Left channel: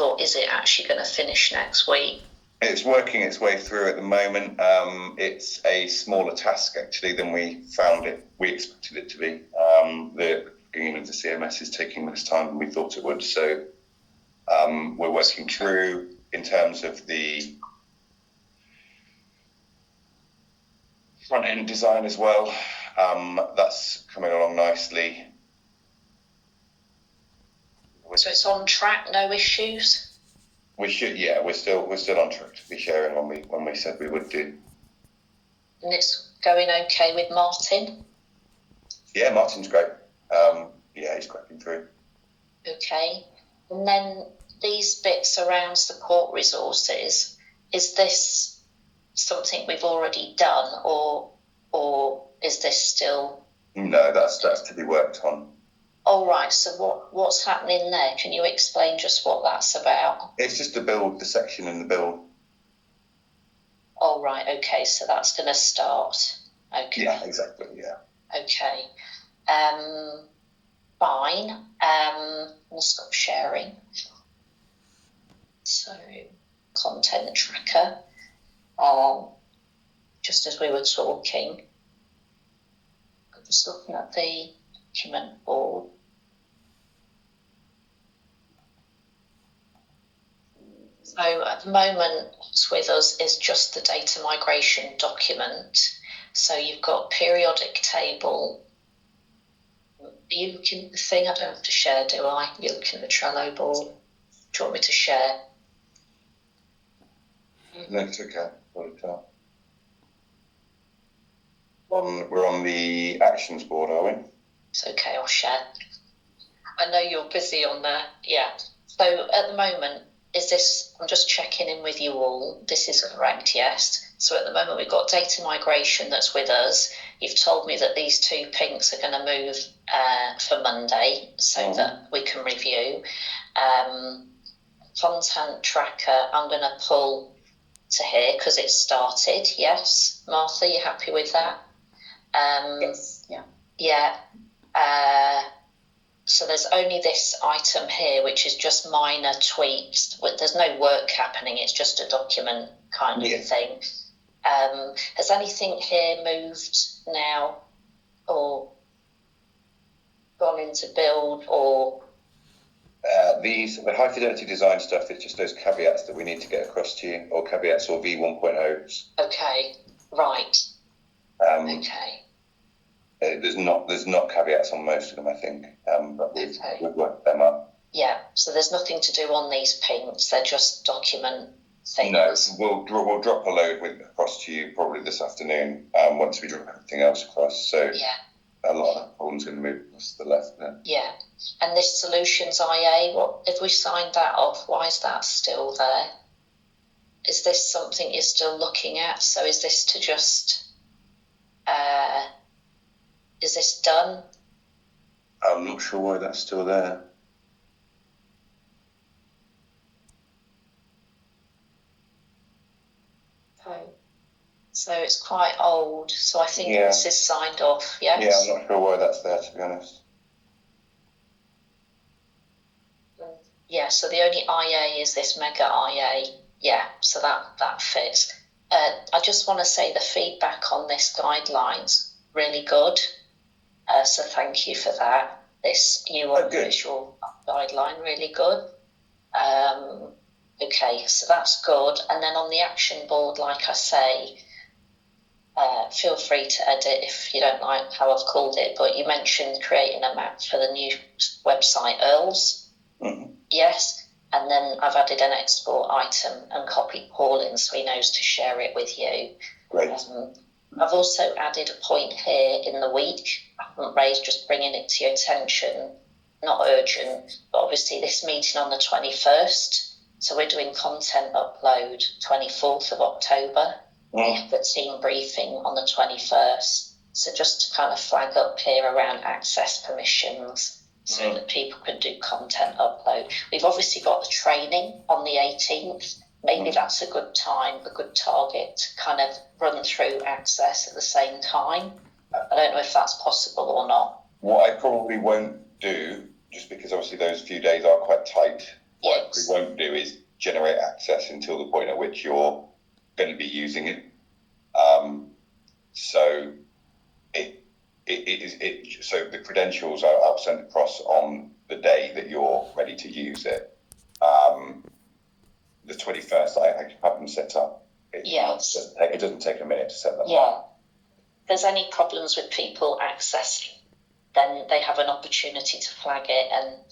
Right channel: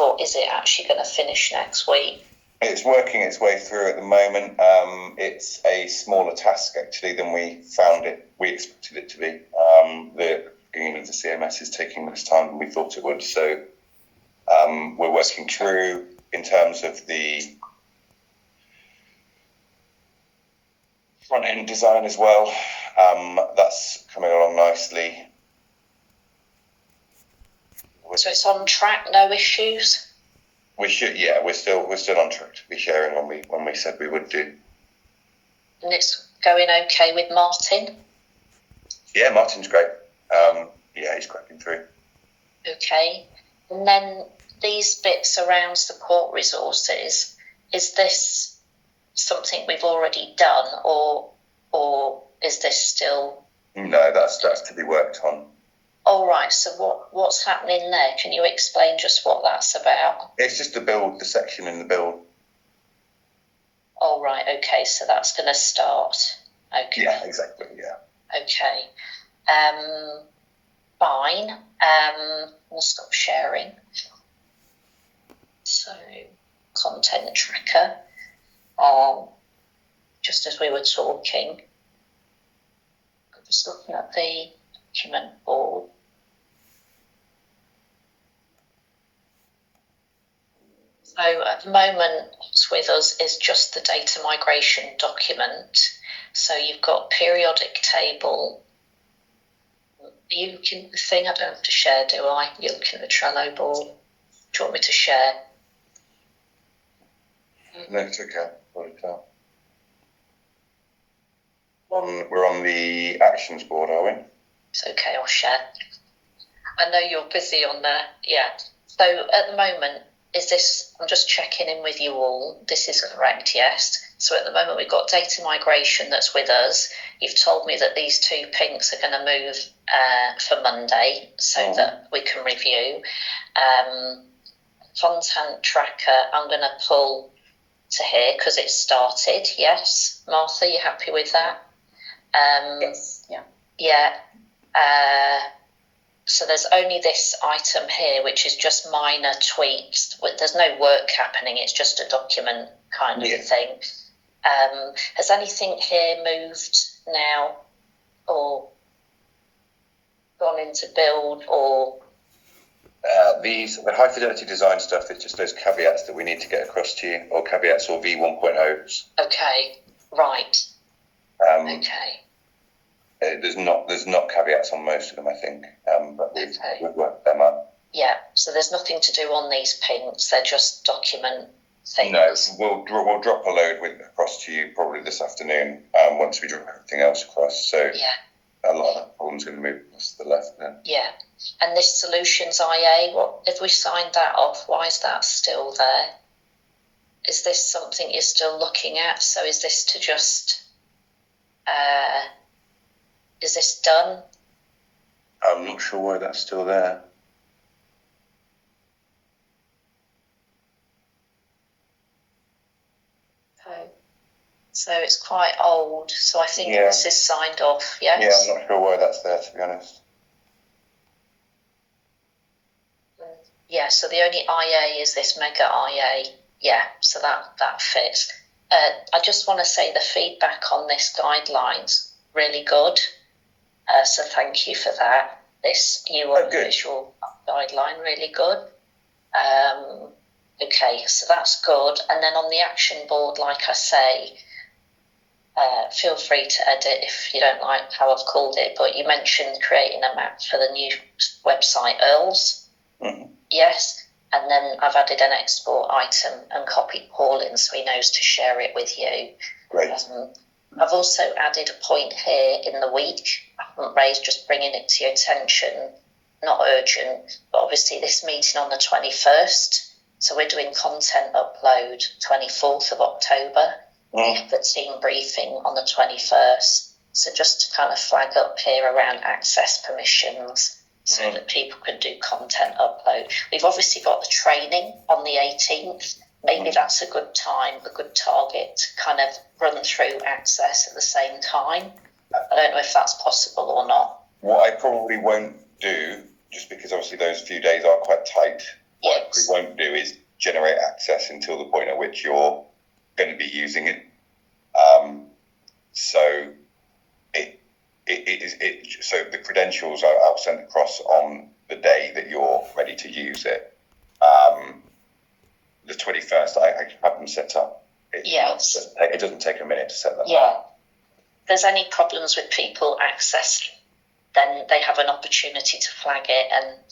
or is it actually going to finish next week? It's working its way through at the moment. It's a smaller task actually than we expected it to be. The beginning of the CMS is taking less time than we thought it would. So we're working through in terms of the front end design as well. That's coming along nicely. So it's on track, no issues? We're still on track to be sharing when we said we would do. And it's going okay with Martin? Yeah, Martin's great. He's cracking through. Okay. And then these bits around support resources, is this something we've already done or is this still... No, that's to be worked on. All right, so what's happening there? Can you explain just what that's about? It's just the section in the build. All right, okay, so that's going to start. Okay. Yeah, exactly, yeah. Okay. Fine. We'll stop sharing. So, content tracker. Just as we were talking, I'm just looking at the document board. So at the moment, what's with us is just the data migration document. So you've got periodic table. Are you looking at the thing? I don't have to share, do I? You're looking at the Trello board. Do you want me to share? No, it's okay. We're on the actions board, are we? It's okay, I'll share. I know you're busy on there. Yeah. So at the moment, I'm just checking in with you all. This is correct, yes. So at the moment, we've got data migration that's with us. You've told me that these two pinks are going to move for Monday so that we can review. Content tracker, I'm going to pull to here because it's started, yes. Martha, you happy with that? Yes, yeah. Yeah. So there's only this item here, which is just minor tweaks. There's no work happening. It's just a document kind of thing. Has anything here moved now or gone into build or... The high fidelity design stuff is just those caveats that we need to get across to you, or caveats or V1.0s. Okay, right. Okay. There's not caveats on most of them, I think, but we've worked them up. Yeah, so there's nothing to do on these pinks. They're just document things. No, we'll drop a load across to you probably this afternoon once we drop everything else across. So a lot of the problems going to move across to the left then. Yeah, and this Solutions IA, what if we signed that off? Why is that still there? Is this something you're still looking at? So is this to just... is this done? I'm not sure why that's still there. Okay. So it's quite old. So I think this is signed off, yes? Yeah, I'm not sure why that's there, to be honest. Yeah, so the only IA is this mega IA. Yeah, so that fits. I just want to say the feedback on this guidelines really good. So thank you for that. This new visual guideline, really good. Okay, so that's good. And then on the action board, like I say, feel free to edit if you don't like how I've called it, but you mentioned creating a map for the new website, Earls. Mm-hmm. Yes. And then I've added an export item and copied Paul in so he knows to share it with you. Great. I've also added a point here in the week. I haven't raised, just bringing it to your attention. Not urgent, but obviously this meeting on the 21st. So we're doing content upload 24th of October. We have the team briefing on the 21st. So just to kind of flag up here around access permissions so that people can do content upload. We've obviously got the training on the 18th. Maybe that's a good time, a good target to kind of run through access at the same time. I don't know if that's possible or not. What I probably won't do, just because obviously those few days are quite tight, Yes. what it won't do is generate access until the point at which you're going to be using it. So so the credentials I'll send across on the day that you're ready to use it. The 21st, I have them set up. Yes. It doesn't take a minute to set that Yeah. up. If there's any problems with people accessing, then they have an opportunity to flag it. And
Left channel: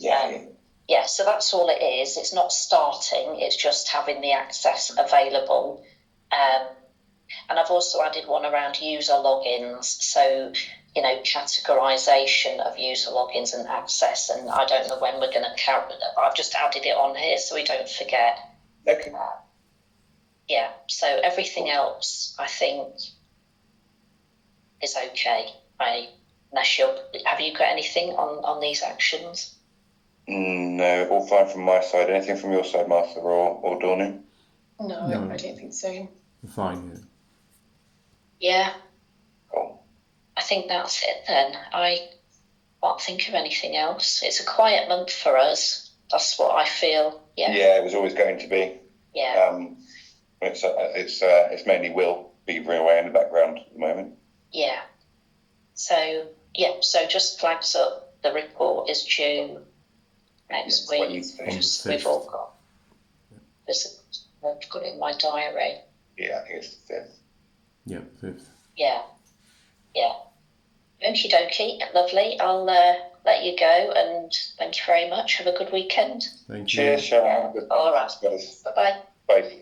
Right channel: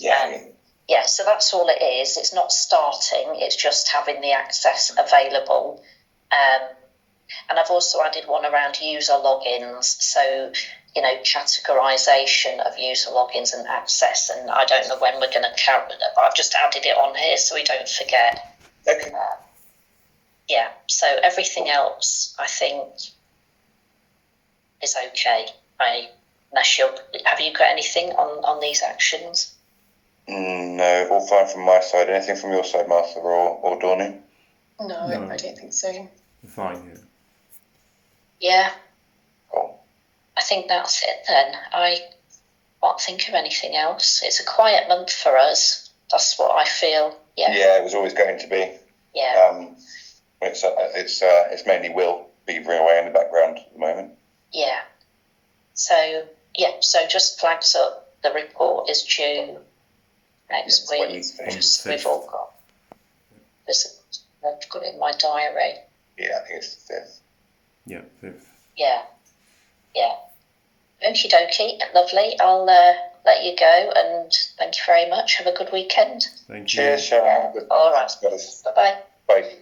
so that's all it is. It's not starting, it's just having the access available. And I've also added one around user logins. So, categorization of user logins and access. And I don't know when we're going to count it, but I've just added it on here so we don't forget. Okay. So everything else, I think, is okay. Have you got anything on these actions? No, all fine from my side. Anything from your side, Martha or Dawning? No, I don't think so. Fine. Yeah. Cool. I think that's it then. I can't think of anything else. It's a quiet month for us. That's what I feel. Yeah. Yeah, it was always going to be. Yeah. It's mainly Will beavering away in the background at the moment. Yeah. So just flags up. The report is due next week. We've all got. I've got it in my diary. Yeah, I think it's the 5th. Yeah, 5th. Yeah. Okie dokie, lovely. I'll let you go, and thank you very much. Have a good weekend. Thank you. Cheers, Sharon. All right. Bye. Bye-bye. Bye.